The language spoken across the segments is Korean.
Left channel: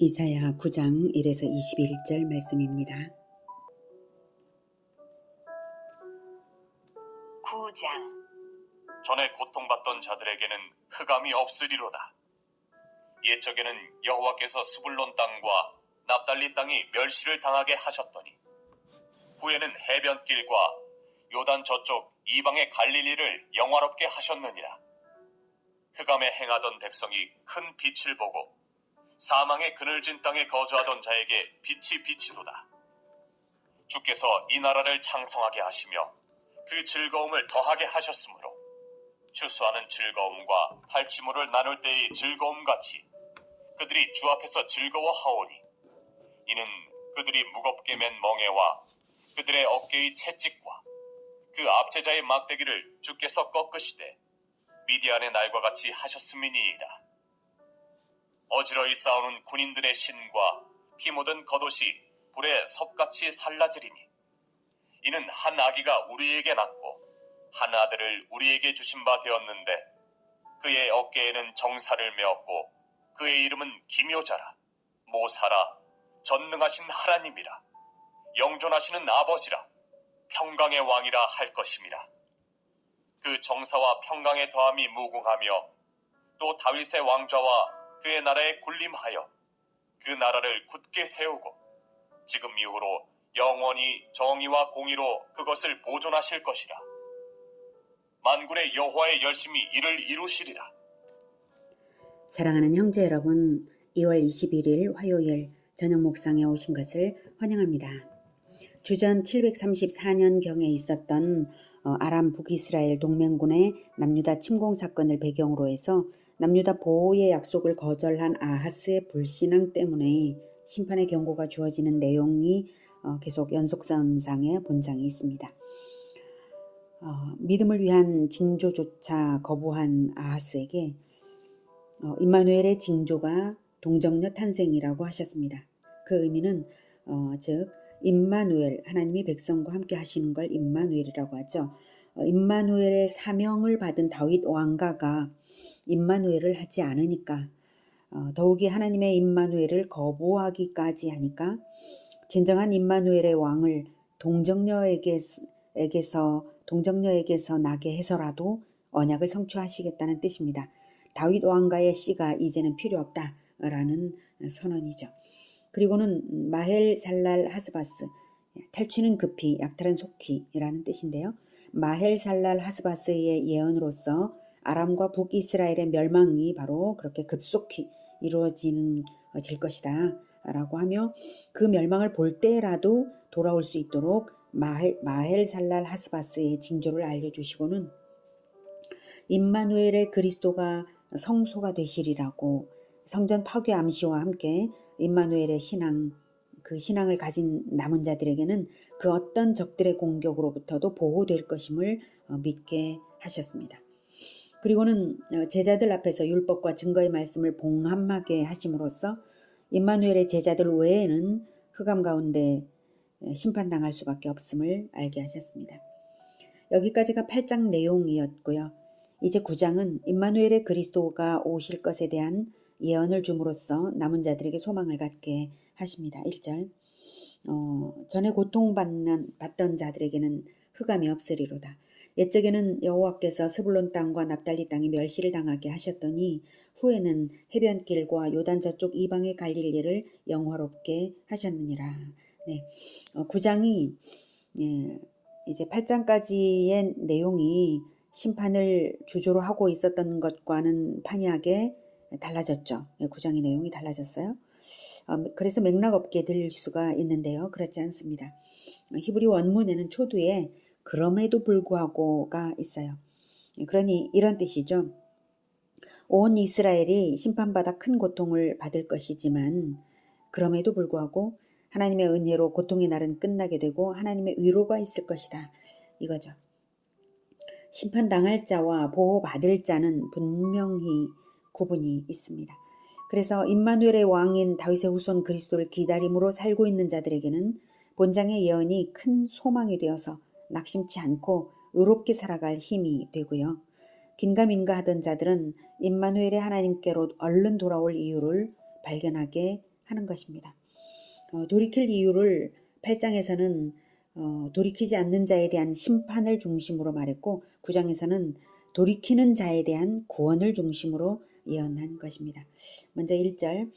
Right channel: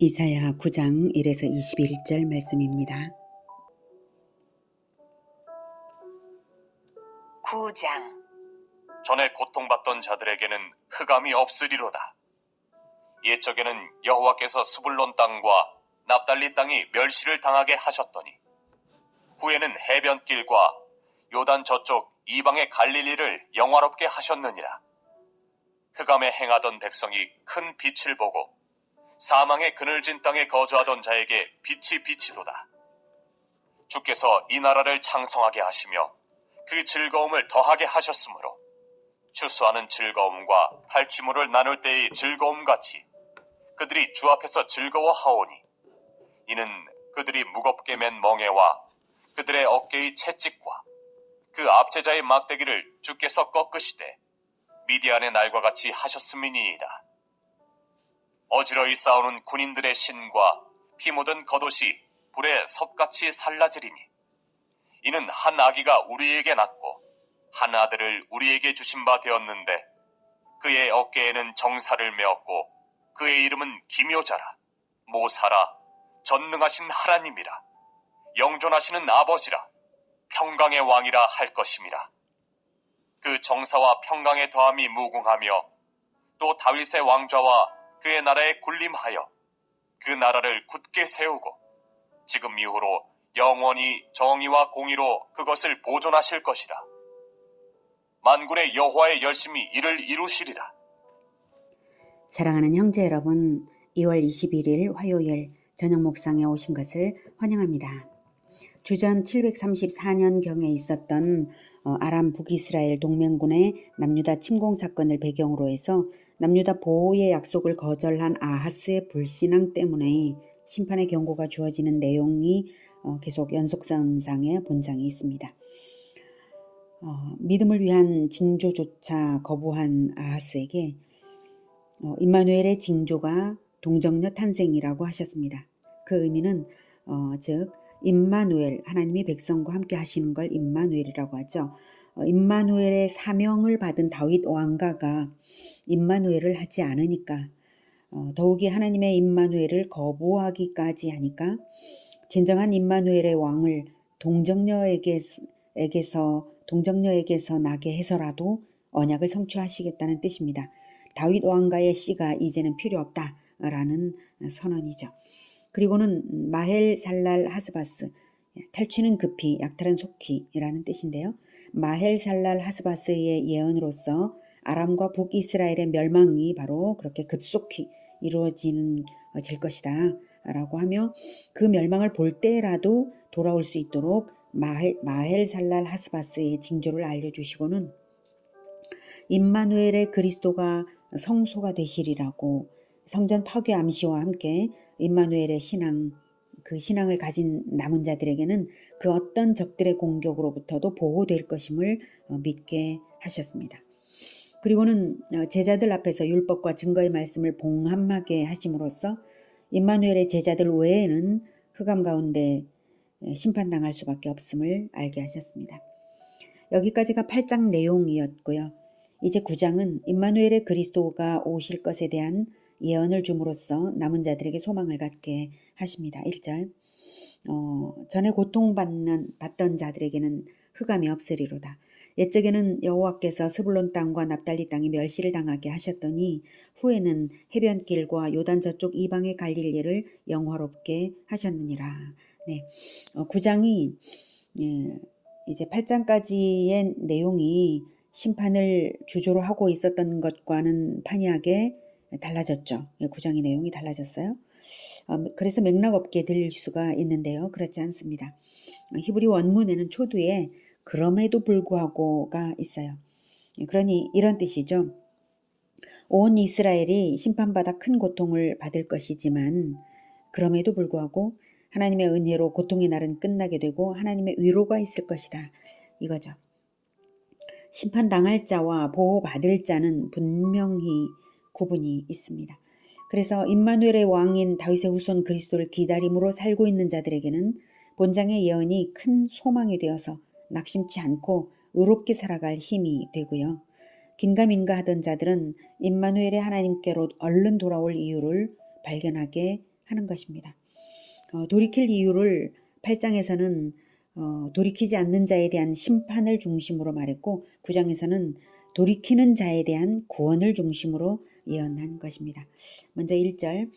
이사야 9장 1에서 21절 말씀입니다. 9장. 전에 고통받던 자들에게는 흑암이 없으리로다. 옛적에는 여호와께서 스불론 땅과 납달리 땅이 멸시를 당하게 하셨더니 후에는 해변길과 요단 저쪽 이방의 갈릴리를 영화롭게 하셨느니라. 흑암에 행하던 백성이 큰 빛을 보고 사망의 그늘진 땅에 거주하던 자에게 빛이 비치도다. 주께서 이 나라를 창성하게 하시며 그 즐거움을 더하게 하셨으므로 추수하는 즐거움과 탈취물을 나눌 때의 즐거움같이 그들이 주 앞에서 즐거워하오니 이는 그들이 무겁게 맨 멍에와 그들의 어깨의 채찍과 그 압제자의 막대기를 주께서 꺾으시되 미디안의 날과 같이 하셨음이니이다. 어지러이 싸우는 군인들의 신과 피 묻은 겉옷이 불에 섭같이 살라지리니 이는 한 아기가 우리에게 낳고 한 아들을 우리에게 주신 바 되었는데 그의 어깨에는 정사를 메었고 그의 이름은 기묘자라 모사라 전능하신 하나님이라 영존하시는 아버지라 평강의 왕이라 할 것임이라. 그 정사와 평강의 더함이 무궁하며 또 다윗의 왕좌와 그의 나라에 군림하여 그 나라를 굳게 세우고 지금 이후로 영원히 정의와 공의로 그것을 보존하실 것이라. 만군의 여호와의 열심히 이를 이루시리라. 사랑하는 형제 여러분, 2월 21일 화요일 저녁 목상에 오신 것을 환영합니다. 주전 734년경에 있었던 아람 북이스라엘 동맹군의 남유다 침공 사건을 배경으로 해서 남유다 보호의 약속을 거절한 아하스의 불신앙 때문에 심판의 경고가 주어지는 내용이 계속 연속선상의 본장이 있습니다. 믿음을 위한 징조조차 거부한 아하스에게 임마누엘의 징조가 동정녀 탄생이라고 하셨습니다. 그 의미는 즉 임마누엘, 하나님이 백성과 함께 하시는 걸 임마누엘이라고 하죠. 임마누엘의 사명을 받은 다윗 왕가가 임마누엘을 하지 않으니까 더욱이 하나님의 임마누엘을 거부하기까지 하니까 진정한 임마누엘의 왕을 동정녀에게서 나게 해서라도 언약을 성취하시겠다는 뜻입니다. 다윗 왕가의 씨가 이제는 필요 없다라는 선언이죠. 그리고는 마헬 살랄 하스바스, 탈취는 급히 약탈은 속히라는 뜻인데요. 마헬 살랄 하스바스의 예언으로서 아람과 북이스라엘의 멸망이 바로 그렇게 급속히 이루어질 것이다 라고 하며 그 멸망을 볼 때라도 돌아올 수 있도록 마헬 살랄 하스바스의 징조를 알려주시고는 임마누엘의 그리스도가 성소가 되시리라고 성전 파괴 암시와 함께 임마누엘의 신앙, 그 신앙을 가진 남은 자들에게는 그 어떤 적들의 공격으로부터도 보호될 것임을 믿게 하셨습니다. 그리고는 제자들 앞에서 율법과 증거의 말씀을 봉함하게 하심으로써 임마누엘의 제자들 외에는 흑암 가운데 심판당할 수밖에 없음을 알게 하셨습니다. 여기까지가 8장 내용이었고요. 이제 9장은 임마누엘의 그리스도가 오실 것에 대한 예언을 줌으로써 남은 자들에게 소망을 갖게 하십니다. 1절 전에 고통받던 자들에게는 흑암이 없으리로다. 옛적에는 여호와께서 스불론 땅과 납달리 땅이 멸시를 당하게 하셨더니 후에는 해변길과 요단 저쪽 이방의 갈릴리를 영화롭게 하셨느니라. 네, 9장이 이제 8장까지의 내용이 심판을 주조로 하고 있었던 것과는 판이하게 달라졌죠. 9장의 내용이 달라졌어요. 그래서 맥락 없게 들릴 수가 있는데요. 그렇지 않습니다. 히브리 원문에는 초두에 그럼에도 불구하고가 있어요. 그러니 이런 뜻이죠. 온 이스라엘이 심판받아 큰 고통을 받을 것이지만 그럼에도 불구하고 하나님의 은혜로 고통의 날은 끝나게 되고 하나님의 위로가 있을 것이다. 이거죠. 심판당할 자와 보호받을 자는 분명히 구분이 있습니다. 그래서 임마누엘의 왕인 다윗의 후손 그리스도를 기다림으로 살고 있는 자들에게는 본장의 예언이 큰 소망이 되어서 낙심치 않고 의롭게 살아갈 힘이 되고요. 긴가민가 하던 자들은 임마누엘의 하나님께로 얼른 돌아올 이유를 발견하게 하는 것입니다. 돌이킬 이유를 8장에서는 돌이키지 않는 자에 대한 심판을 중심으로 말했고 9장에서는 돌이키는 자에 대한 구원을 중심으로 예언한 것입니다. 먼저 1절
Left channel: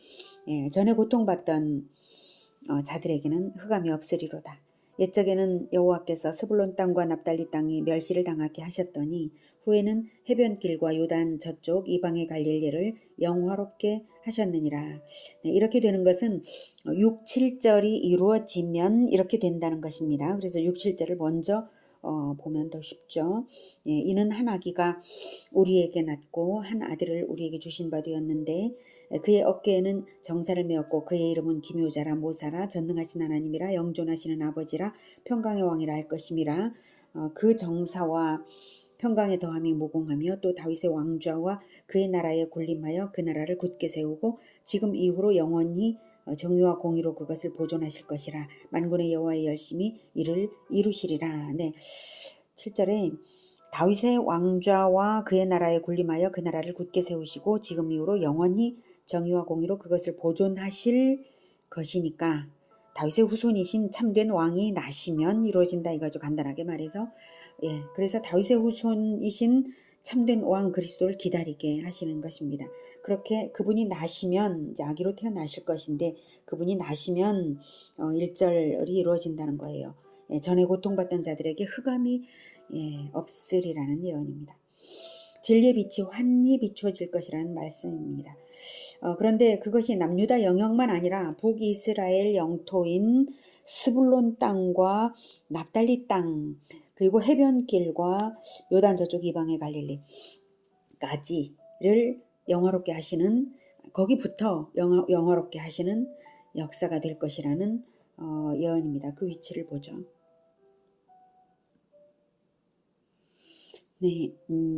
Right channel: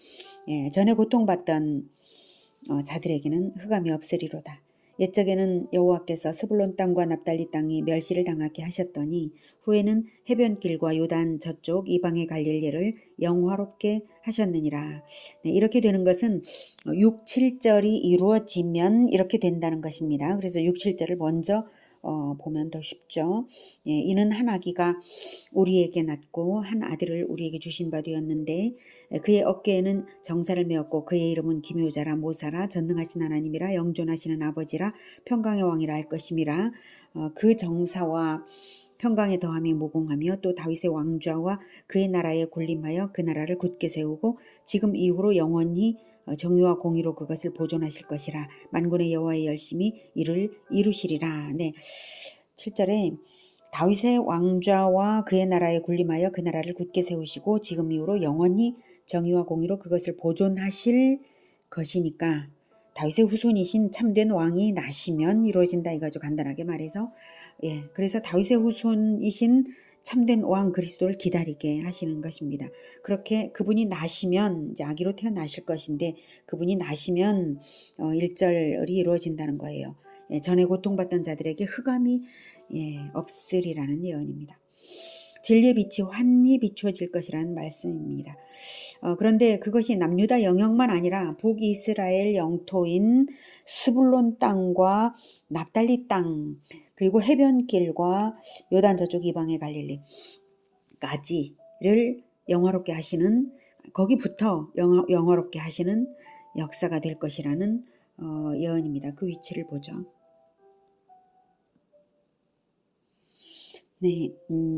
전에 고통받던 자들에게는 흑암이 없으리로다. 옛적에는 여호와께서 스불론 땅과 납달리 땅이 멸시를 당하게 하셨더니 후에는 해변길과 요단 저쪽 이방의 갈릴리를 영화롭게 하셨느니라. 네, 이렇게 되는 것은 6, 7절이 이루어지면 이렇게 된다는 것입니다. 그래서 6, 7절을 먼저 보면 더 쉽죠. 예, 이는 한 아기가 우리에게 낳고 한 아들을 우리에게 주신 바 되었는데 그의 어깨에는 정사를 메었고 그의 이름은 기묘자라 모사라 전능하신 하나님이라 영존하시는 아버지라 평강의 왕이라 할 것임이라. 그 정사와 평강의 더함이 무궁하며 또 다윗의 왕좌와 그의 나라에 군림하여 그 나라를 굳게 세우고 지금 이후로 영원히 정의와 공의로 그것을 보존하실 것이라. 만군의 여호와의 열심히 이를 이루시리라. 네, 7절에 다윗의 왕좌와 그의 나라에 군림하여 그 나라를 굳게 세우시고 지금 이후로 영원히 정의와 공의로 그것을 보존하실 것이니까 다윗의 후손이신 참된 왕이 나시면 이루어진다 이거죠. 간단하게 말해서. 예, 그래서 다윗의 후손이신 참된 왕 그리스도를 기다리게 하시는 것입니다. 그렇게 그분이 나시면 이제 아기로 태어나실 것인데 그분이 나시면 1절이 이루어진다는 거예요. 예, 전에 고통받던 자들에게 흑암이 없으리라는 예언입니다. 진리의 빛이 환히 비추어질 것이라는 말씀입니다. 그런데 그것이 남유다 영역만 아니라 북이스라엘 영토인 스불론 땅과 납달리 땅 그리고 해변길과 요단 저쪽 이방의 갈릴리까지를 영화롭게 하시는 거기부터 영화롭게 하시는 역사가 될 것이라는 예언입니다. 그 위치를 보죠. 네,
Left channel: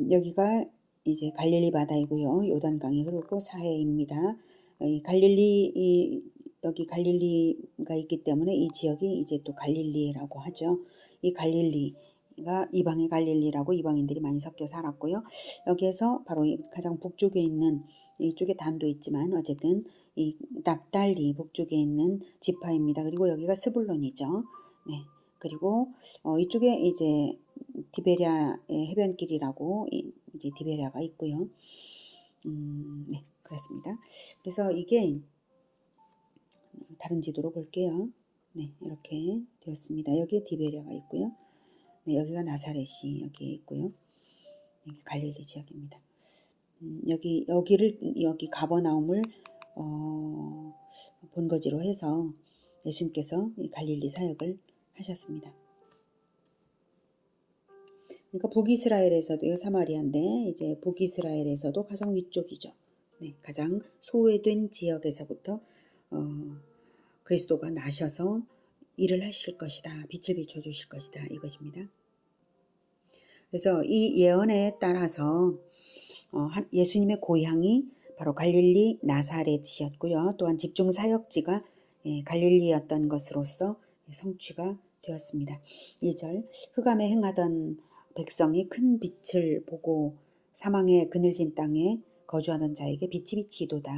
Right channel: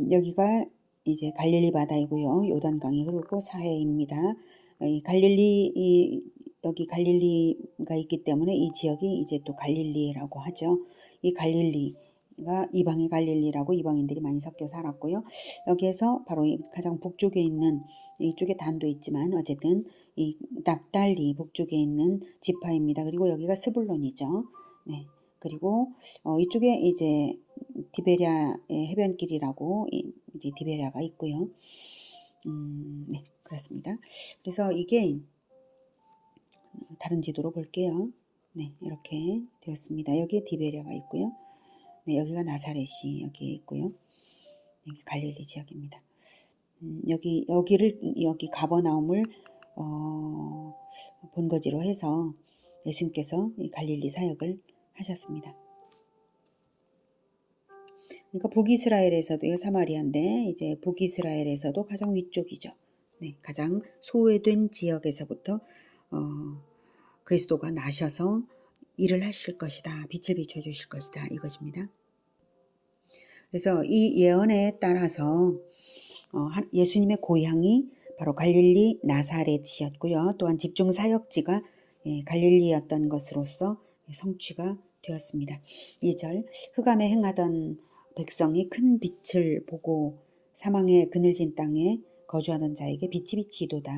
여기가 이제 갈릴리 바다이고요. 요단강이 흐르고 사해입니다. 이 갈릴리 여기 갈릴리가 있기 때문에 이 지역이 이제 또 갈릴리라고 하죠. 이 갈릴리가 이방의 갈릴리라고 이방인들이 많이 섞여 살았고요. 여기에서 바로 가장 북쪽에 있는 이쪽에 단도 있지만 어쨌든 이 납달리 북쪽에 있는 지파입니다. 그리고 여기가 스불론이죠. 네. 그리고 이쪽에 이제 디베랴의 해변길이라고 이제 디베랴가 있고요. 네, 그렇습니다. 그래서 이게 다른 지도로 볼게요. 네, 이렇게 되었습니다. 여기에 디베랴가 있고요. 네, 여기가 나사렛이 여기에 있고요. 여기 갈릴리 지역입니다. 여기 가버나움을 본거지로 해서 예수님께서 갈릴리 사역을 하셨습니다. 그러니까 북이스라엘에서도 이거 사마리아인데 이제 북이스라엘에서도 가장 위쪽이죠. 네, 가장 소외된 지역에서부터 그리스도가 나셔서 일을 하실 것이다. 빛을 비춰주실 것이다. 이것입니다. 그래서 이 예언에 따라서 예수님의 고향이 바로 갈릴리 나사렛이었고요. 또한 집중 사역지가 갈릴리였던 것으로서 성취가 되었습니다. 2절 흑암에 행하던 백성이 큰 빛을 보고 사망의 그늘진 땅에 거주하던 자에게 빛이 비치도다.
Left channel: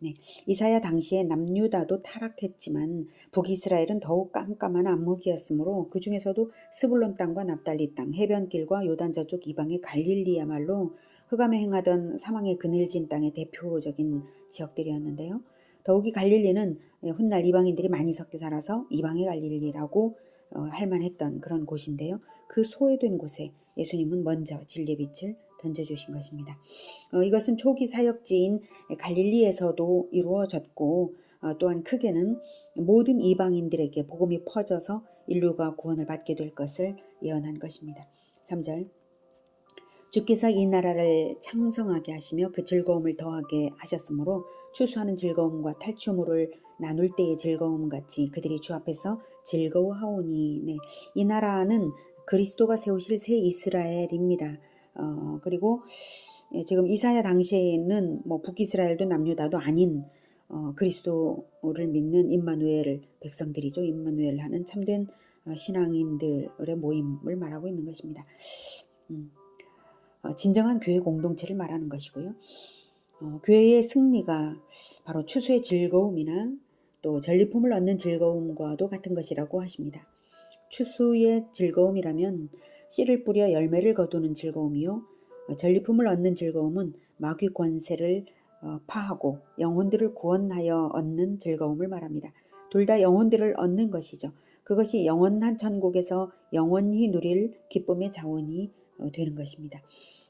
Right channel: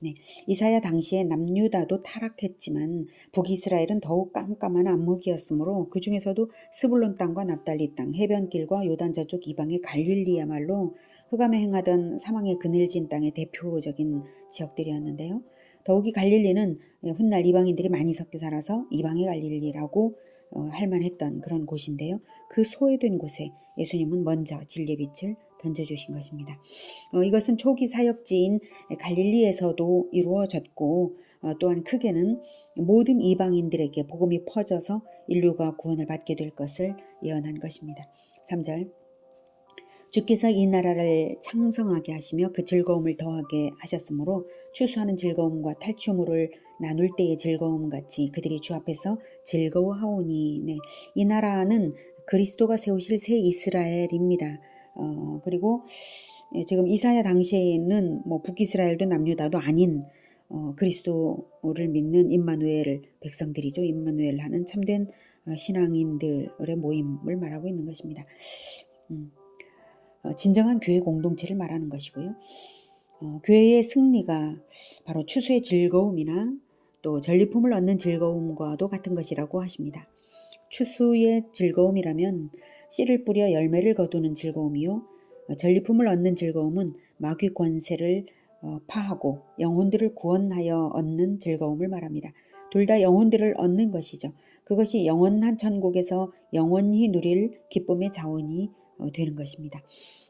네, 이사야 당시에 남유다도 타락했지만 북이스라엘은 더욱 깜깜한 안목이었으므로 그 중에서도 스불론 땅과 납달리 땅, 해변길과 요단 저쪽 이방의 갈릴리야말로 흑암에 행하던 사망의 그늘진 땅의 대표적인 지역들이었는데요. 더욱이 갈릴리는 훗날 이방인들이 많이 섞여 살아서 이방의 갈릴리라고 할 만했던 그런 곳인데요. 그 소외된 곳에 예수님은 먼저 진리의 빛을 던져주신 것입니다. 이것은 초기 사역지인 갈릴리에서도 이루어졌고 또한 크게는 모든 이방인들에게 복음이 퍼져서 인류가 구원을 받게 될 것을 예언한 것입니다. 3절 주께서 이 나라를 창성하게 하시며 그 즐거움을 더하게 하셨으므로 추수하는 즐거움과 탈취물을 나눌 때의 즐거움 같이 그들이 주 앞에서 즐거워하오니. 네, 이 나라는 그리스도가 세우실 새 이스라엘입니다. 그리고 지금 이사야 당시에는 뭐 북이스라엘도 남유다도 아닌 그리스도를 믿는 임마누엘 백성들이죠. 임마누엘 하는 참된 신앙인들의 모임을 말하고 있는 것입니다. 진정한 교회 공동체를 말하는 것이고요. 교회의 승리가 바로 추수의 즐거움이나 또 전리품을 얻는 즐거움과도 같은 것이라고 하십니다. 추수의 즐거움이라면 씨를 뿌려 열매를 거두는 즐거움이요, 전리품을 얻는 즐거움은 마귀 권세를 파하고 영혼들을 구원하여 얻는 즐거움을 말합니다. 둘 다 영혼들을 얻는 것이죠. 그것이 영원한 천국에서 영원히 누릴 기쁨의 자원이 되는 것입니다.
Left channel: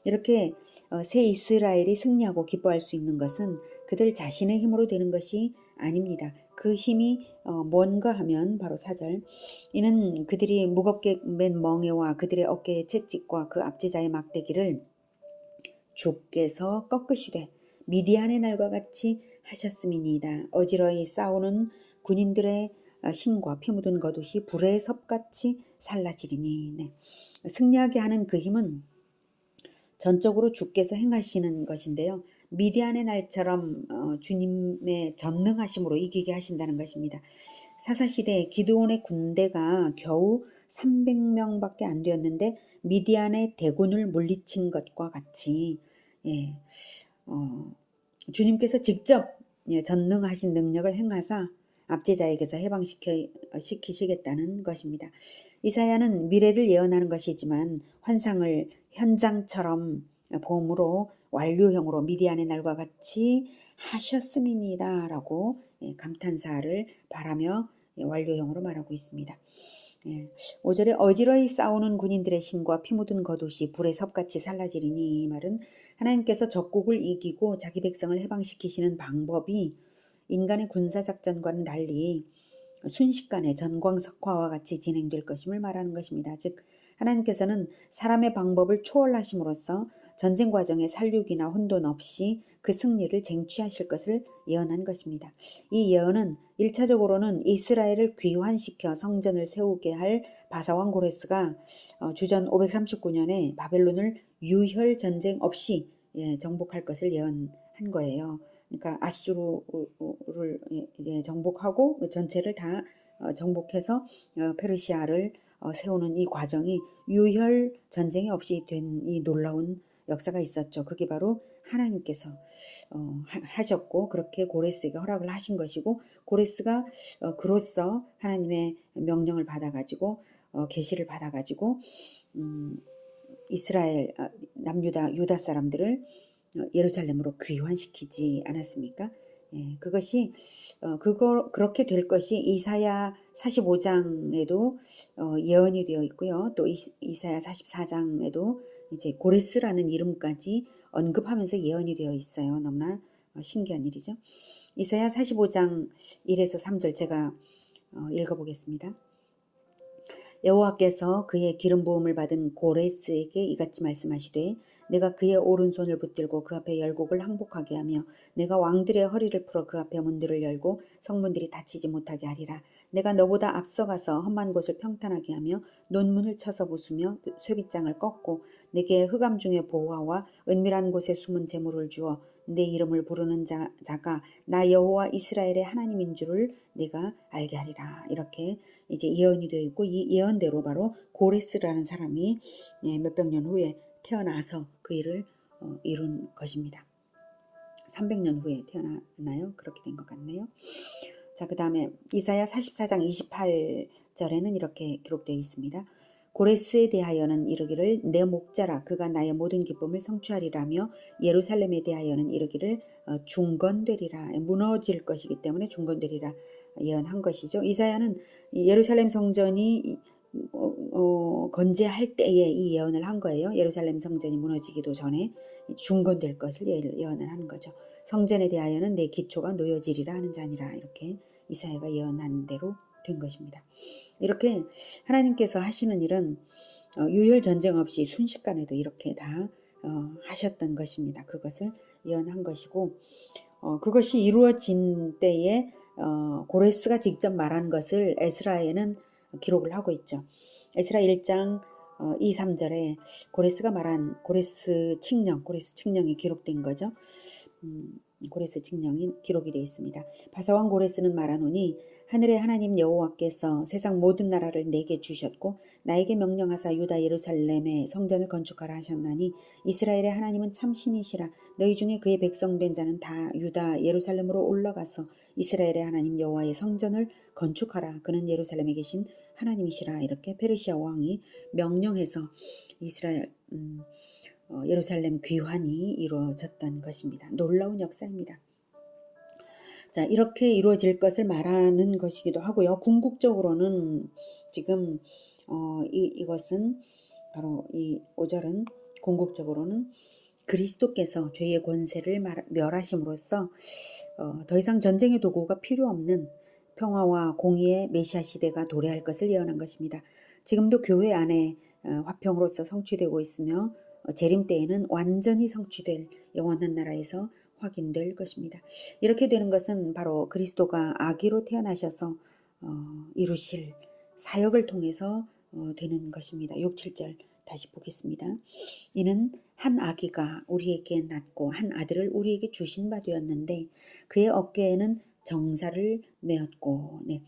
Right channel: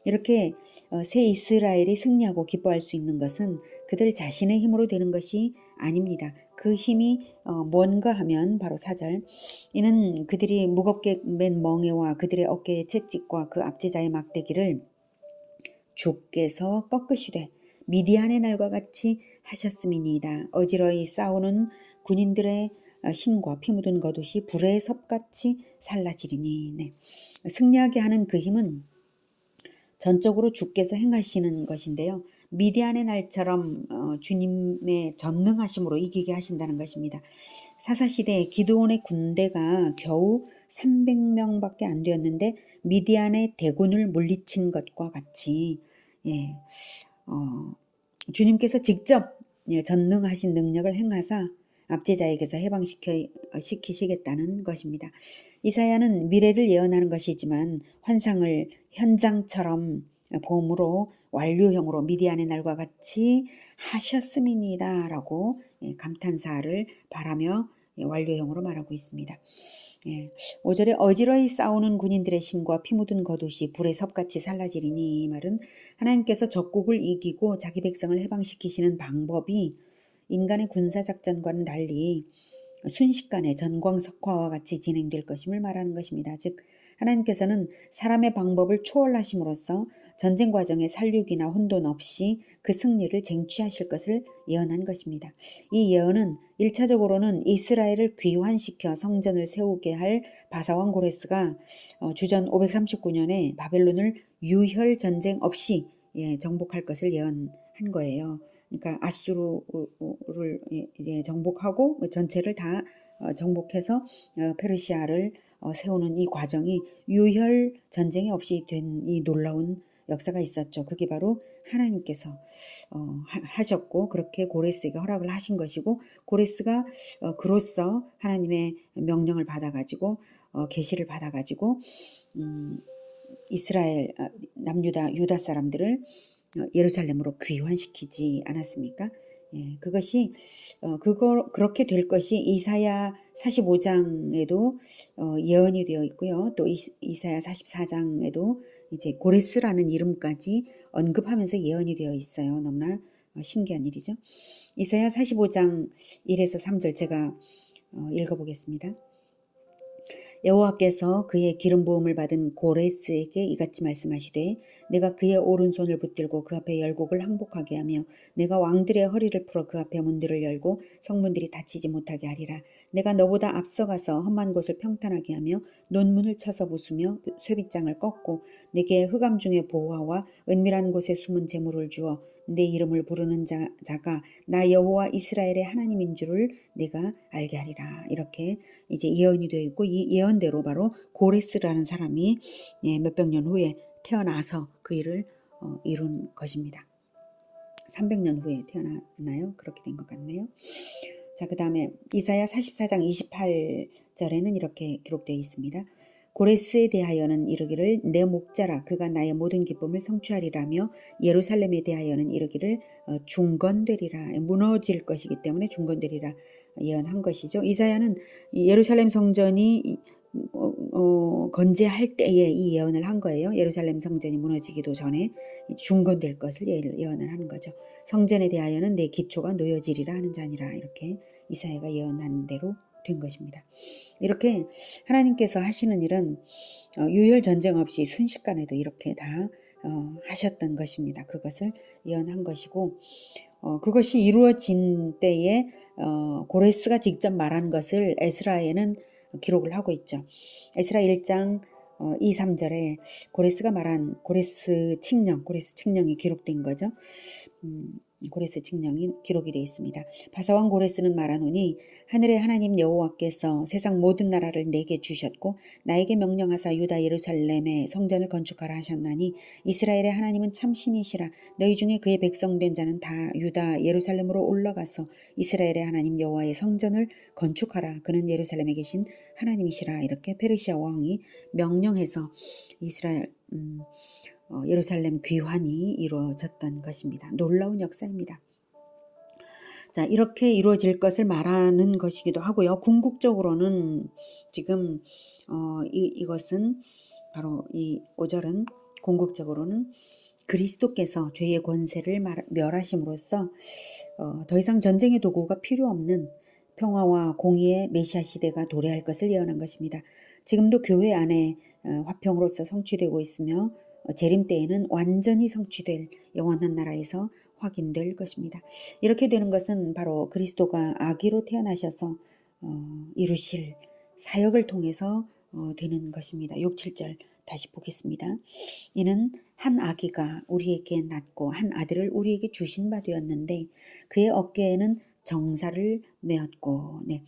이렇게 새 이스라엘이 승리하고 기뻐할 수 있는 것은 그들 자신의 힘으로 되는 것이 아닙니다. 그 힘이 뭔가 하면 바로 4절, 이는 그들이 무겁게 맨 멍에와 그들의 어깨의 채찍과 그 압제자의 막대기를 주께서 꺾으시되 미디안의 날과 같이 하셨음이니이다. 어지러이 싸우는 군인들의 신과 피 묻은 겉옷이 불의 섭같이 살라지리니. 네. 승리하게 하는 그 힘은 전적으로 주께서 행하시는 것인데요. 미디안의 날처럼 주님의 전능하심으로 이기게 하신다는 것입니다. 사사시대에 기드온의 군대가 겨우 300명밖에 안 되었는데 미디안의 대군을 물리친 것과 같이, 예, 주님께서 직접 전능하신 능력을 행하사 압제자에게서 해방시키시겠다는 것입니다. 이사야는 미래를 예언하는 것이지만 환상을 현장처럼 봄으로 완료형으로 미디안의 날과 같이 하셨음이니이다 라고 감탄사를 바라며 완료형으로 말하고 있습니다. 5절에 어지러이 싸우는 군인들의 신과 피 묻은 겉옷이 불의 섭같이 살라지리니, 이 말은 하나님께서 적국을 이기고 자기 백성을 해방시키시는 방법이 인간의 군사작전과는 달리 순식간에 전광석화와 같이 진행될 것임을 말하는 것입니다. 즉 하나님께서는 사람의 방법을 초월하심으로써 전쟁 과정에 살육이나 혼돈 없이 그 승리를 쟁취하실 것을 예언한 것입니다. 이 예언은 1차적으로는 이스라엘을 귀환시켜 성전을 세우게 할 바사왕 고레스가 주전 539년에 바벨론을 유혈 전쟁 없이 정복할 것을 예언한 거예요. 그러니까 아수르를 정복하고 전체를 다 정복해서 페르시아를 세우는 이 과정이 유혈 전쟁이 없이 된 이 놀라운 역사가 있었죠. 그게 바로 하나님께서 하셨고 그렇게 고레스에게 허락을 하신 것이고, 고레스가 그로써 하나님의 명령을 받아가지고 계시를 받아가지고 이스라엘 유다 사람들을 예루살렘으로 귀환시키지 않았습니까? 그것이 그렇게 될 것이 이사야 45장에도 예언이 되어 있고요. 또 이사야 44장에도 이제 고레스라는 이름까지 언급하면서 예언이 되어 있어요. 너무나 신기한 일이죠. 이사야 45장 1에서 3절 제가 읽어보겠습니다. 여호와께서 그의 기름 부음을 받은 고레스에게 이같이 말씀하시되, 내가 그의 오른손을 붙들고 그 앞에 열국을 항복하게 하며 내가 왕들의 허리를 풀어 그 앞에 문들을 열고 성문들이 닫히지 못하게 하리라. 내가 너보다 앞서가서 험한 곳을 평탄하게 하며 논문을 쳐서 부수며 쇠빗장을 꺾고 내게 흑암 중에 보화와 은밀한 곳에 숨은 재물을 주어 내 이름을 부르는 자가 나 여호와 이스라엘의 하나님인 줄을 내가 알게 하리라. 이렇게 이제 예언이 되어 있고, 이 예언대로 바로 고레스라는 사람이 몇백 년 후에 태어나서 그 일을 이룬 것입니다. 300년 후에 태어났나요? 그렇게 된 것 같네요. 자, 그 다음에 이사야 44장 28절에는 이렇게 기록되어 있습니다. 고레스에 대하여는 이르기를 내 목자라 그가 나의 모든 기쁨을 성취하리라며, 예루살렘에 대하여는 이르기를 중건되리라. 무너질 것이기 때문에 중건되리라 예언한 것이죠. 이사야는 예루살렘 성전이 건재할 때에 이 예언을 한 거예요. 예루살렘 성전이 무너지기도 전에 중건될 것을 예언을 하는 거죠. 성전에 대하여는 내 기초가 놓여지리라 하는 자니라. 이렇게 이사야가 예언한 대로 된 것입니다. 이렇게 하나님께서 하시는 일은 유혈 전쟁 없이 순식간에도 이렇게 다 하셨던 것입니다. 그것을 예언한 것이고, 그것이 이루어진 때에 고레스가 직접 말한 것을 에스라에는 기록을 하고 있죠. 에스라 1장 2, 3절에 고레스가 말한 고레스 칙령이 기록된 거죠. 고레스 칙령이 기록이 되어 있습니다. 바사왕 고레스는 말하노니 하늘의 하나님 여호와께서 세상 모든 나라를 내게 주셨고 나에게 명령하사 유다 예루살렘에 성전을 건축하라 하셨나니 이스라엘의 하나님은 참 신이시라. 너희 중에 그의 백성된 자는 다 유다 예루살렘으로 올라가서 이스라엘의 하나님 여호와의 성전을 건축하라. 그는 예루살렘에 계신 하나님이시라. 이렇게 페르시아 왕이 명령해서 이스라엘 예루살렘 귀환이 이루어졌던 것입니다. 놀라운 역사입니다. 자, 이렇게 이루어질 것을 말하는 것이기도 하고요. 궁극적으로는 지금 이것은 바로 이 5절은 궁극적으로는 그리스도께서 죄의 권세를 멸하심으로써 더 이상 전쟁의 도구가 필요 없는 평화와 공의의 메시아 시대가 도래할 것을 예언한 것입니다. 지금도 교회 안에 화평으로서 성취되고 있으며 재림 때에는 완전히 성취될 영원한 나라에서 확인될 것입니다. 이렇게 되는 것은 바로 그리스도가 아기로 태어나셔서 이루실 사역을 통해서 되는 것입니다. 6, 7절 다시 보겠습니다. 이는 한 아기가 우리에게 낳고 한 아들을 우리에게 주신 바 되었는데 그의 어깨에는 정사를 메었고. 네.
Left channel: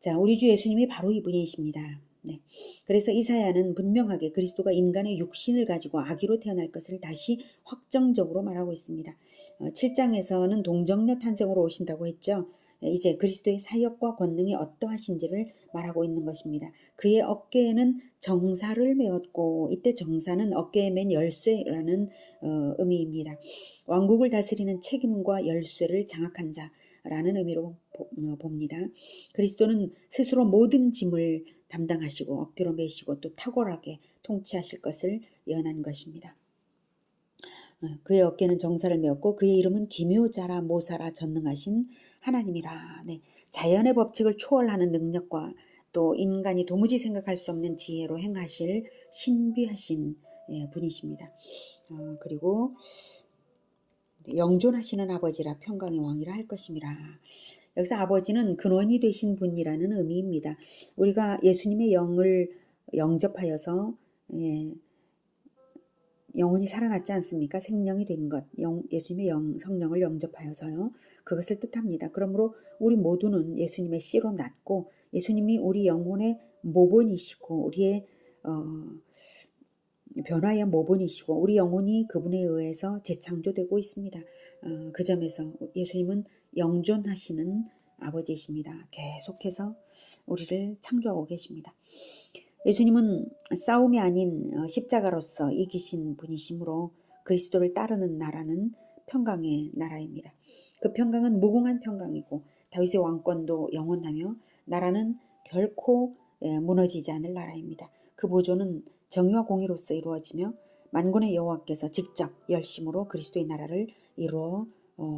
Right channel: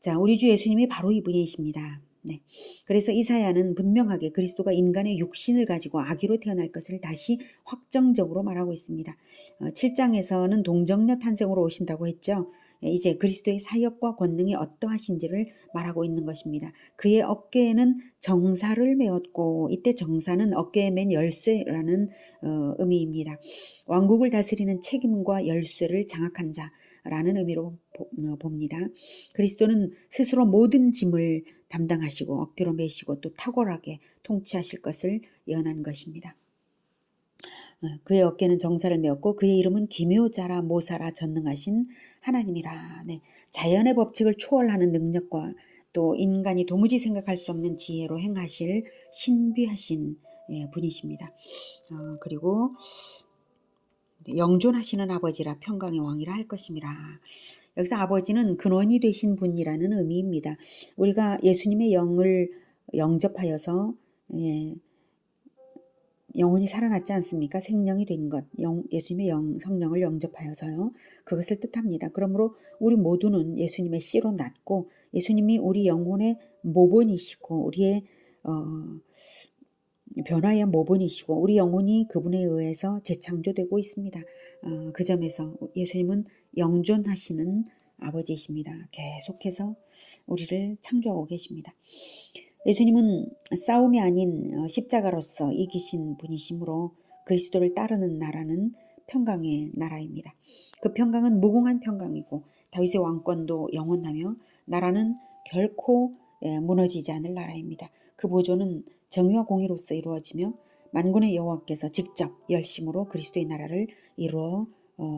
자, 우리 주 예수님이 바로 이분이십니다. 네. 그래서 이사야는 분명하게 그리스도가 인간의 육신을 가지고 아기로 태어날 것을 다시 확정적으로 말하고 있습니다. 7장에서는 동정녀 탄생으로 오신다고 했죠. 이제 그리스도의 사역과 권능이 어떠하신지를 말하고 있는 것입니다. 그의 어깨에는 정사를 메었고, 이때 정사는 어깨에 맨 열쇠라는 의미입니다. 왕국을 다스리는 책임과 열쇠를 장악한 자라는 의미로 봅니다. 그리스도는 스스로 모든 짐을 담당하시고 엎드려 매시고 또 탁월하게 통치하실 것을 예언한 것입니다. 그의 어깨는 정사를 메었고 그의 이름은 기묘자라 모사라 전능하신 하나님이라. 네. 자연의 법칙을 초월하는 능력과 또 인간이 도무지 생각할 수 없는 지혜로 행하실 신비하신 분이십니다. 그리고 영존하시는 아버지라 평강의 왕이라 할 것임이라. 여기서 아버지는 근원이 되신 분이라는 의미입니다. 우리가 예수님의 영을 영접하여서 영혼이 살아났지 않습니까? 생명이 된 것, 예수님의 성령을 영접하여서요. 그것을 뜻합니다. 그러므로 우리 모두는 예수님의 씨로 났고 예수님이 우리 영혼의 모본이시고 우리의 변화의 모본이시고 우리 영혼이 그분에 의해서 재창조되고 있습니다. 그 점에서 예수님은 영존하시는 아버지이십니다. 계속해서 우리를 창조하고 계십니다. 예수님은 싸움이 아닌 십자가로서 이기신 분이시므로 그리스도를 따르는 나라는 평강의 나라입니다. 그 평강은 무궁한 평강이고 다윗의 왕권도 영원하며 나라는 결코 무너지지 않을 나라입니다. 그 보존은 정의와 공의로서 이루어지며 만군의 여호와께서 직접 열심으로 그리스도의 나라를 이루어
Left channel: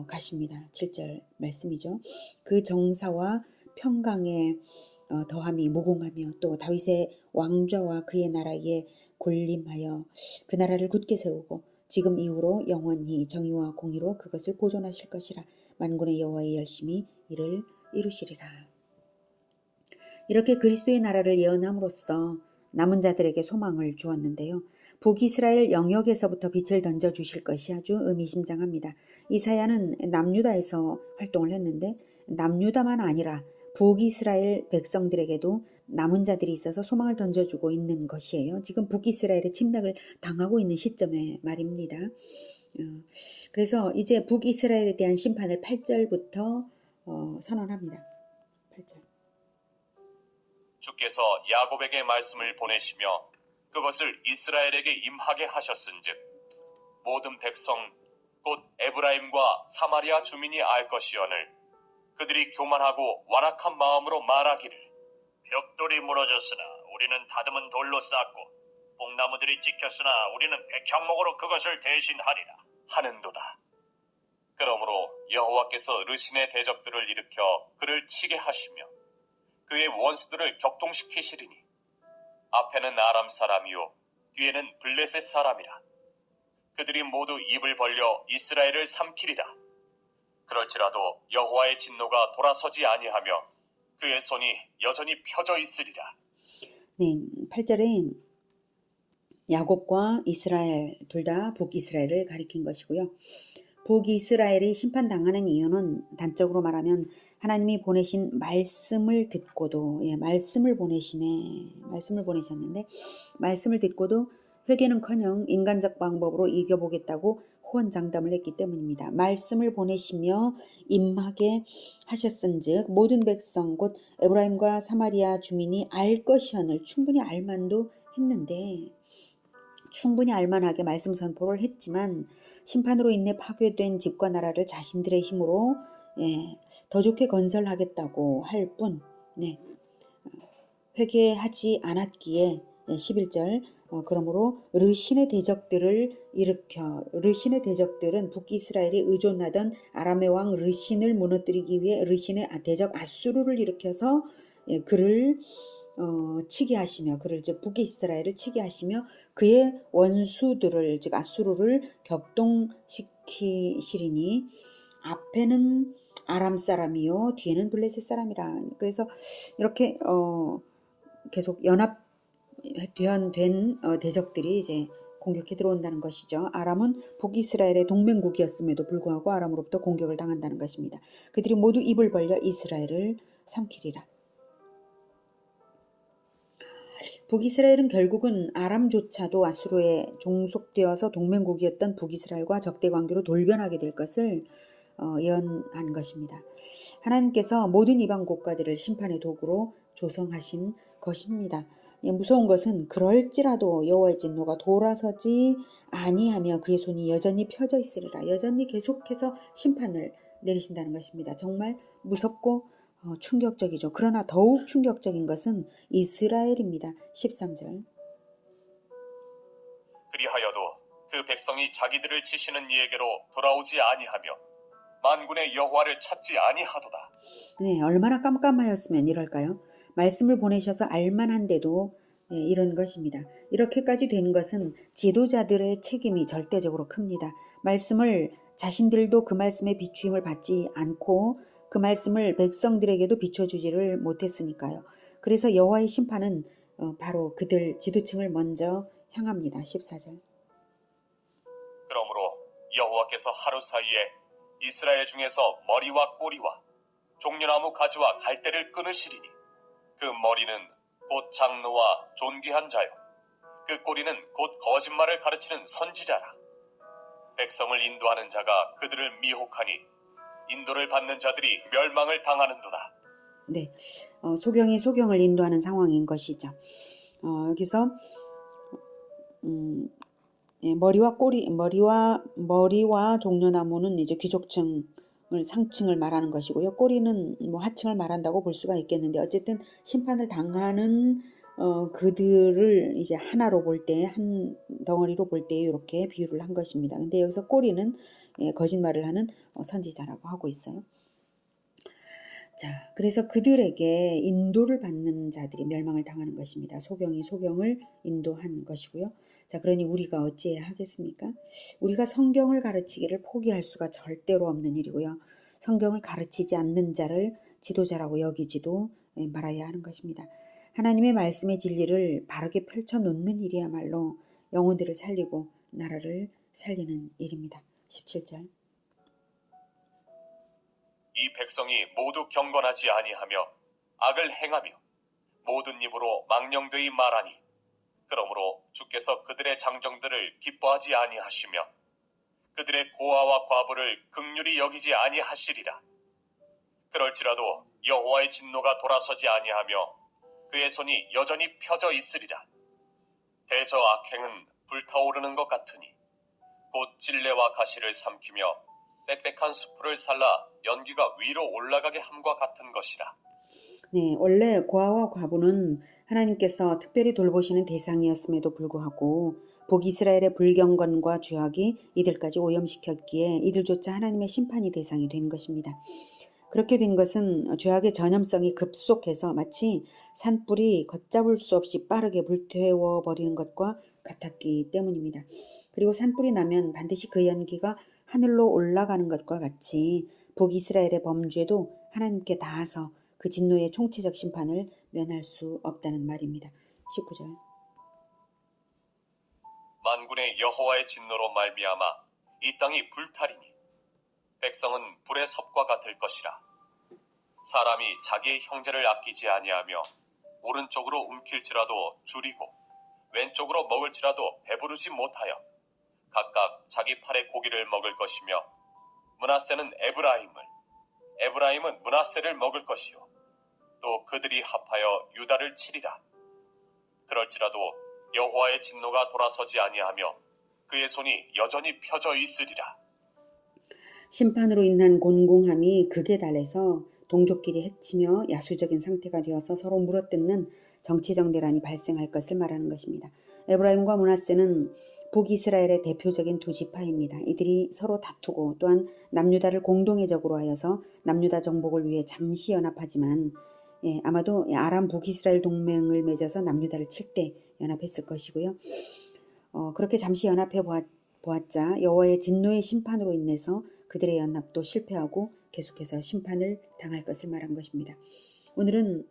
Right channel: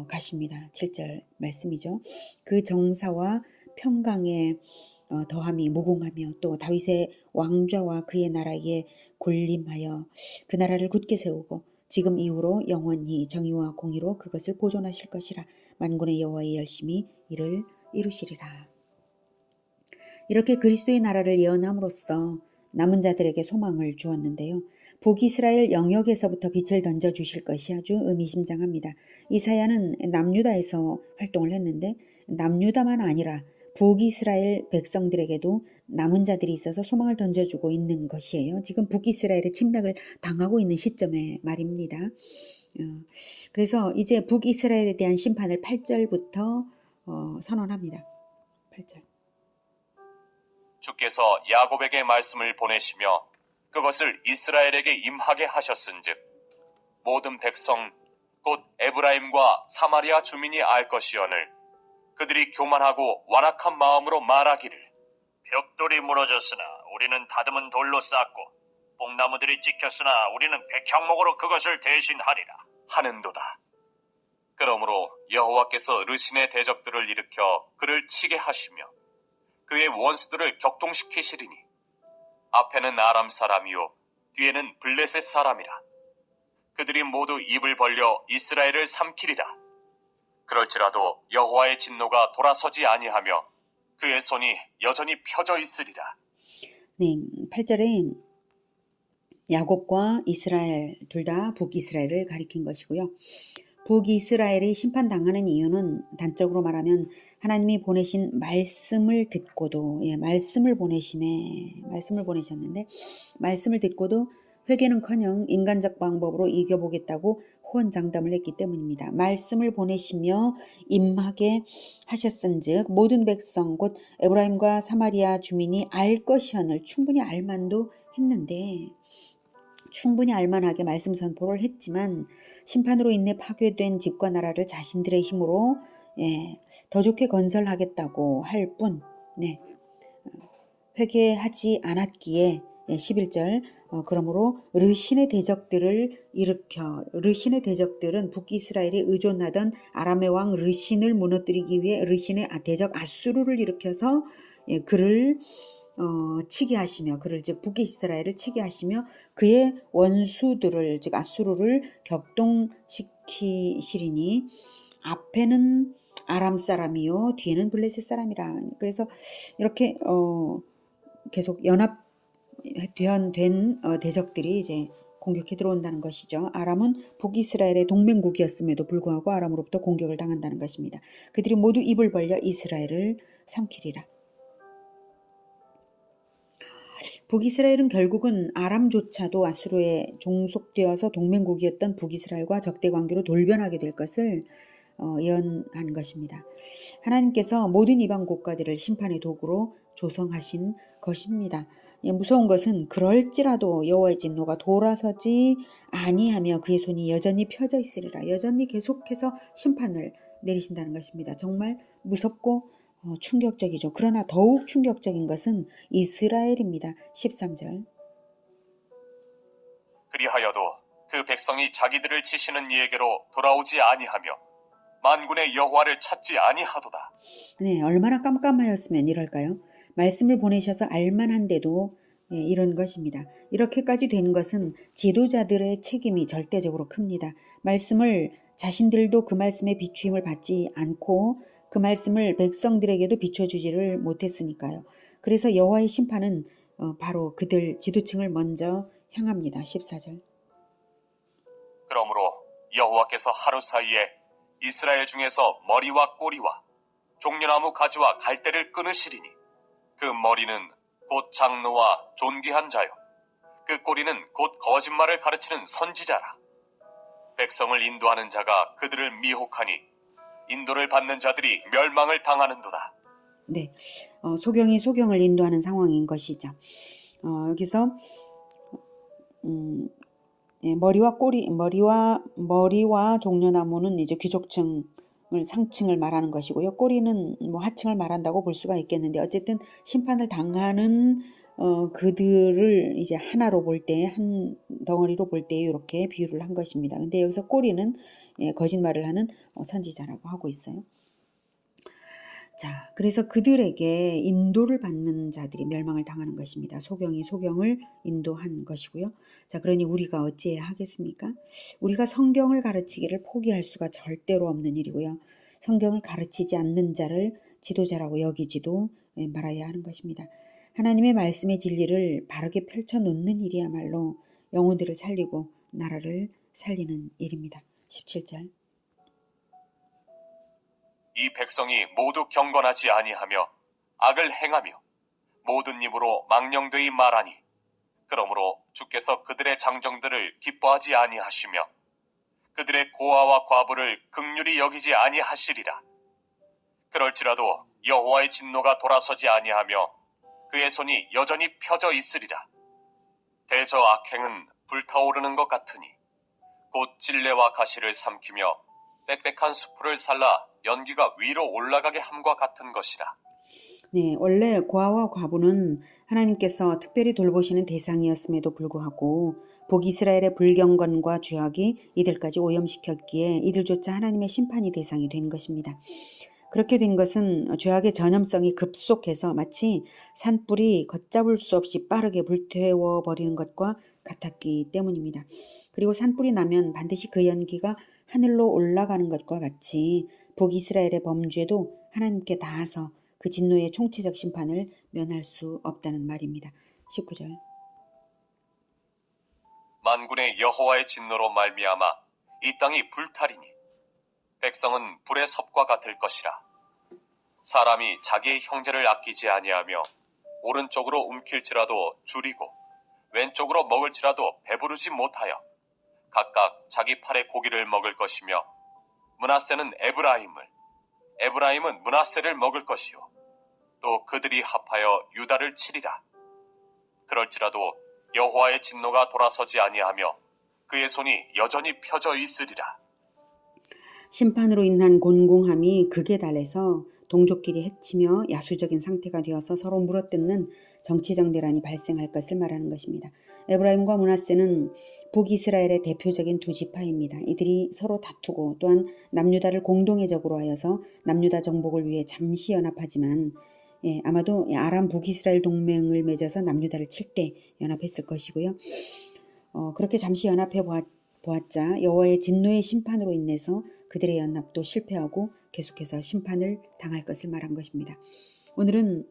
가십니다. 7절 말씀이죠. 그 정사와 평강의 더함이 무궁하며 또 다윗의 왕좌와 그의 나라에 군림하여 그 나라를 굳게 세우고 지금 이후로 영원히 정의와 공의로 그것을 보존하실 것이라. 만군의 여호와의 열심히 이를 이루시리라. 이렇게 그리스도의 나라를 예언함으로써 남은 자들에게 소망을 주었는데요. 북이스라엘 영역에서부터 빛을 던져주실 것이 아주 의미심장합니다. 이사야는 남유다에서 활동을 했는데 남유다만 아니라 북이스라엘 백성들에게도 남은 자들이 있어서 소망을 던져주고 있는 것이에요. 지금 북이스라엘의 침략을 당하고 있는 시점의 말입니다. 그래서 이제 북이스라엘에 대한 심판을 8절부터 선언합니다. 8절. 주께서 야곱에게 말씀을 보내시며 그것을 이스라엘에게 임하게 하셨은즉 모든 백성 곧 에브라임과 사마리아 주민이 알 것이오늘 그들이 교만하고 완악한 마음으로 말하기를 벽돌이 무너졌으나 우리는 다듬은 돌로 쌓고 뽕나무들이 찍혔으나 우리는 백향목으로 그것을 대신하리라 하는도다. 그러므로 여호와께서 르신의 대적들을 일으켜 그를 치게 하시며 그의 원수들을 격동시키시리니 앞에는 아람 사람이요 뒤에는 블레셋 사람이라. 그들이 모두 입을 벌려 이스라엘을 삼키리다. 그럴지라도 여호와의 진노가 돌아서지 아니하며 그의 손이 여전히 펴져 있으리라. 네, 8절에 야곱과 이스라엘 둘 다 북이스라엘을 가리킨 것이고요. 북이스라엘이 심판당하는 이유는 단적으로 말하면 하나님이 보내신 말씀을 듣고도 말씀을 보내셨는데 말씀을 듣고도 회개는커녕 인간적 방법으로 이겨보겠다고 호언장담을 했기 때문입니다. 말씀을 보내시며 임하게 하셨은즉 모든 백성 곧 에브라임과 사마리아 주민이 알 것이언을 충분히 알만도 했는데 충분히 알만하게 말씀 선포를 했지만 심판으로 인해 파괴된 집과 나라를 자신들의 힘으로 더 좋게 건설하겠다고 할 뿐 회개하지 않았기에 11절 그러므로 르신의 대적들을 일으켜 르신의 대적들은 북이스라엘이 의존하던 아람의 왕 르신을 무너뜨리기 위해 르신의 대적 아수르를 일으켜서 그를 치게 하시며 그를 즉 북이스라엘을 치게 하시며 그의 원수들을 즉 아수르를 격동시키시리니 앞에는 아람 사람이요 뒤에는 블레셋 사람이라. 그래서 이렇게 계속 연합된 대적들이 이제 공격해 들어온다는 것이죠. 아람은 북이스라엘의 동맹국이었음에도 불구하고 아람으로부터 공격을 당한다는 것입니다. 그들이 모두 입을 벌려 이스라엘을 삼키리라. 북이스라엘은 결국은 아람조차도 아수르에 종속되어서 동맹국이었던 북이스라엘과 적대 관계로 돌변하게 될 것을 예언한 것입니다. 하나님께서 모든 이방 국가들을 심판의 도구로 조성하신 것입니다. 무서운 것은 그럴지라도 여호와의 진노가 돌아서지 아니하며 그의 손이 여전히 펴져 있으리라. 여전히 계속해서 심판을 내리신다는 것입니다. 정말 무섭고 충격적이죠. 그러나 더욱 충격적인 것은 이스라엘입니다. 13절. 그리하여도 그 백성이 자기들을 치시는 이에게로 돌아오지 아니하며 만군의 여호와를 찾지 아니하도다. 네, 얼마나 깜깜하였으면 이럴까요? 말씀을 보내셔서 알만한데도 이런 것입니다. 이렇게까지 된 것은 지도자들의 책임이 절대적으로 큽니다. 말씀을 자신들도 그 말씀에 비추임을 받지 않고 그 말씀을 백성들에게도 비춰주지를 못했으니까요. 그래서 여호와의 심판은 바로 그들 지도층을 먼저 향합니다. 14절. 그러므로 여호와께서 하루 사이에 이스라엘 중에서 머리와 꼬리와 종려나무 가지와 갈대를 끊으시리니 그 머리는 곧 장로와 존귀한 자요 그 꼬리는 곧 거짓말을 가르치는 선지자라. 백성을 인도하는 자가 그들을 미혹하니 인도를 받는 자들이 멸망을 당하는도다. 네, 소경이 소경을 인도하는 상황인 것이죠. 여기서 머리와 종려나무는 이제 귀족층을 상층을 말하는 것이고요. 꼬리는 뭐 하층을 말한다고 볼 수가 있겠는데 어쨌든 심판을 당하는 그들을 이제 하나로 볼 때, 한 덩어리로 볼 때 이렇게 비유를 한 것입니다. 근데 여기서 꼬리는 거짓말을 하는 선지자라고 하고 있어요. 자, 그래서 그들에게 인도를 받는 자들이 멸망을 당하는 것입니다. 소경이 소경을 인도한 것이고요. 자, 그러니 우리가 어찌해야 하겠습니까? 우리가 성경을 가르치기를 포기할 수가 절대로 없는 일이고요. 성경을 가르치지 않는 자를 지도자라고 여기지도 말아야 하는 것입니다. 하나님의 말씀의 진리를 바르게 펼쳐놓는 일이야말로 영혼들을 살리고 나라를 살리는 일입니다. 17절. 이 백성이 모두 경건하지 아니하며 악을 행하며 모든 입으로 망령되이 말하니 그러므로 주께서 그들의 장정들을 기뻐하지 아니하시며 그들의 고아와 과부를 긍휼히 여기지 아니하시리라. 그럴지라도 여호와의 진노가 돌아서지 아니하며 그의 손이 여전히 펴져 있으리라. 대저 악행은 불타오르는 것 같으니 곧 찔레와 가시를 삼키며 빽빽한 수풀을 살라 연기가 위로 올라가게 함과 같은 것이라. 네, 원래 고아와 과부는 하나님께서 특별히 돌보시는 대상이었음에도 불구하고 북이스라엘의 불경건과 죄악이 이들까지 오염시켰기에 이들조차 하나님의 심판의 대상이 된 것입니다. 그렇게 된 것은 죄악의 전염성이 급속해서 마치 산불이 걷잡을 수 없이 빠르게 불태워버리는 것과 같았기 때문입니다. 그리고 산불이 나면 반드시 그 연기가 하늘로 올라가는 것과 같이 북이스라엘의 범죄도 하나님께 닿아서 그 진노의 총체적 심판을 면할 수 없다는 말입니다. 19절. 만군의 여호와의 진노로 말미암아 이 땅이 불타리니 백성은 불의 섭과 같을 것이라. 사람이 자기의 형제를 아끼지 아니하며 오른쪽으로 움킬지라도 줄이고 왼쪽으로 먹을지라도 배부르지 못하여 각각 자기 팔의 고기를 먹을 것이며 므낫세는 에브라임은 므낫세를 먹을 것이요 또 그들이 합하여 유다를 치리라. 그럴지라도 여호와의 진노가 돌아서지 아니하며 그의 손이 여전히 펴져 있으리라. 심판으로 인한 곤궁함이 극에 달해서 동족끼리 해치며 야수적인 상태가 되어서 서로 물어뜯는 정치적 내란이 발생할 것을 말하는 것입니다. 에브라임과 므낫세는 북이스라엘의 대표적인 두 지파입니다. 이들이 서로 다투고 또한 남유다를 공동의 적으로 하여서 남유다 정복을 위해 잠시 연합하지만 아마도 아람 북이스라엘 동맹을 맺어서 남유다를 칠 때 연합했을 것이고요. 그렇게 잠시 연합해 보았자 여호와의 진노의 심판으로 인해서 그들의 연합도 실패하고 계속해서 심판을 당할 것을 말한 것입니다. 오늘은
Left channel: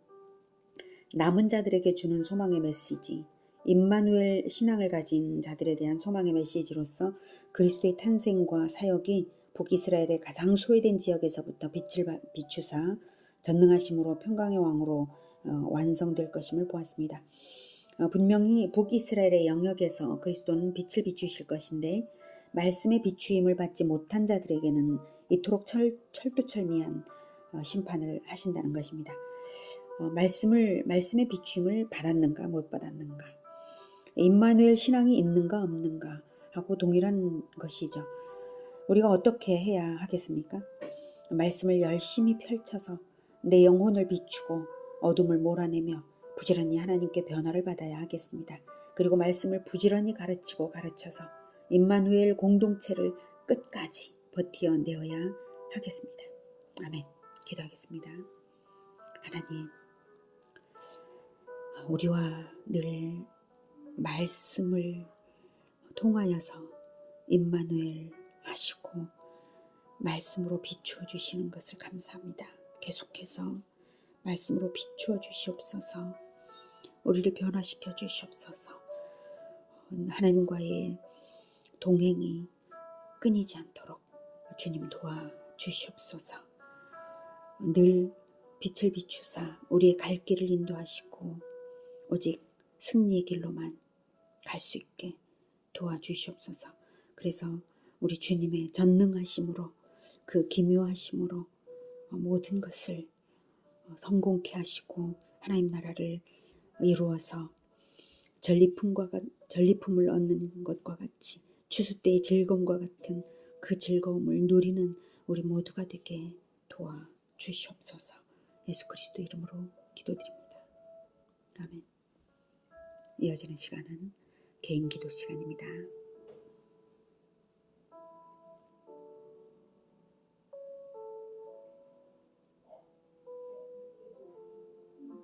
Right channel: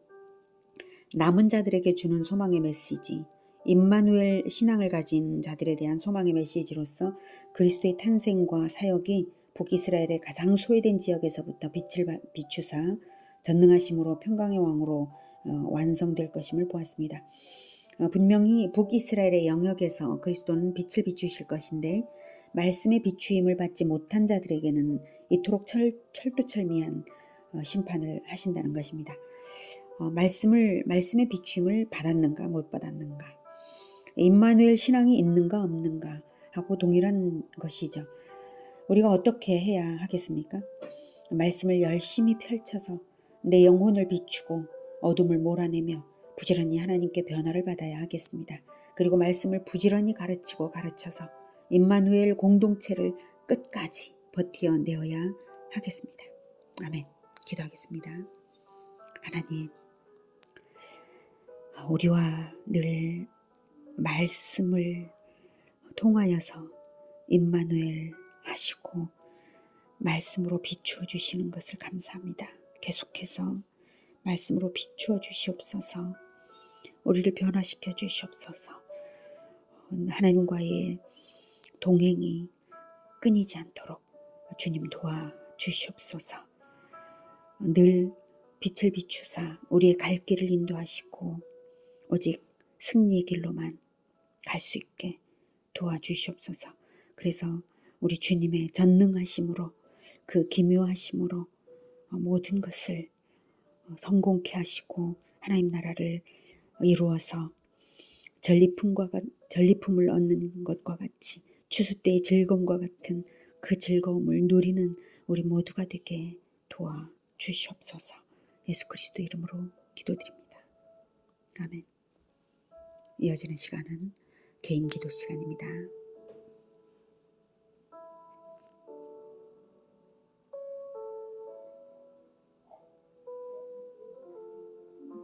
남은 자들에게 주는 소망의 메시지, 임마누엘 신앙을 가진 자들에 대한 소망의 메시지로서 그리스도의 탄생과 사역이 북이스라엘의 가장 소외된 지역에서부터 빛을 비추사 전능하심으로 평강의 왕으로 완성될 것임을 보았습니다. 분명히 북이스라엘의 영역에서 그리스도는 빛을 비추실 것인데 말씀의 비추임을 받지 못한 자들에게는 이토록 철두철미한 심판을 하신다는 것입니다. 말씀의 비추임을 받았는가 못 받았는가, 임마누엘 신앙이 있는가 없는가 하고 동일한 것이죠. 우리가 어떻게 해야 하겠습니까? 말씀을 열심히 펼쳐서 내 영혼을 비추고 어둠을 몰아내며 부지런히 하나님께 변화를 받아야 하겠습니다. 그리고 말씀을 부지런히 가르쳐서 임마누엘 공동체를 끝까지 버텨내어야 하겠습니다. 아멘. 기도하겠습니다. 하나님, 우리와 늘 말씀을 통하여서 임마누엘 하시고 말씀으로 비추어 주시는 것을 감사합니다. 계속해서 말씀으로 비추어 주시옵소서. 우리를 변화시켜 주시옵소서. 하나님과의 동행이 끊이지 않도록 주님 도와주시옵소서. 늘 빛을 비추사 우리의 갈 길을 인도하시고 오직 승리의 길로만 갈 수 있게 도와주시옵소서. 그래서 우리 주님의 전능하심으로 그 기묘하심으로 모든 것을 성공케 하시고 하나님 나라를 이루어서 전리품을 얻는 것과 같이 추수 때의 즐거움과 같은 그 즐거움을 누리는 우리 모두가 되게 도와주시옵소서. 예수 그리스도 이름으로 기도드립니다. 아멘. 이어지는 시간은 개인 기도 시간입니다.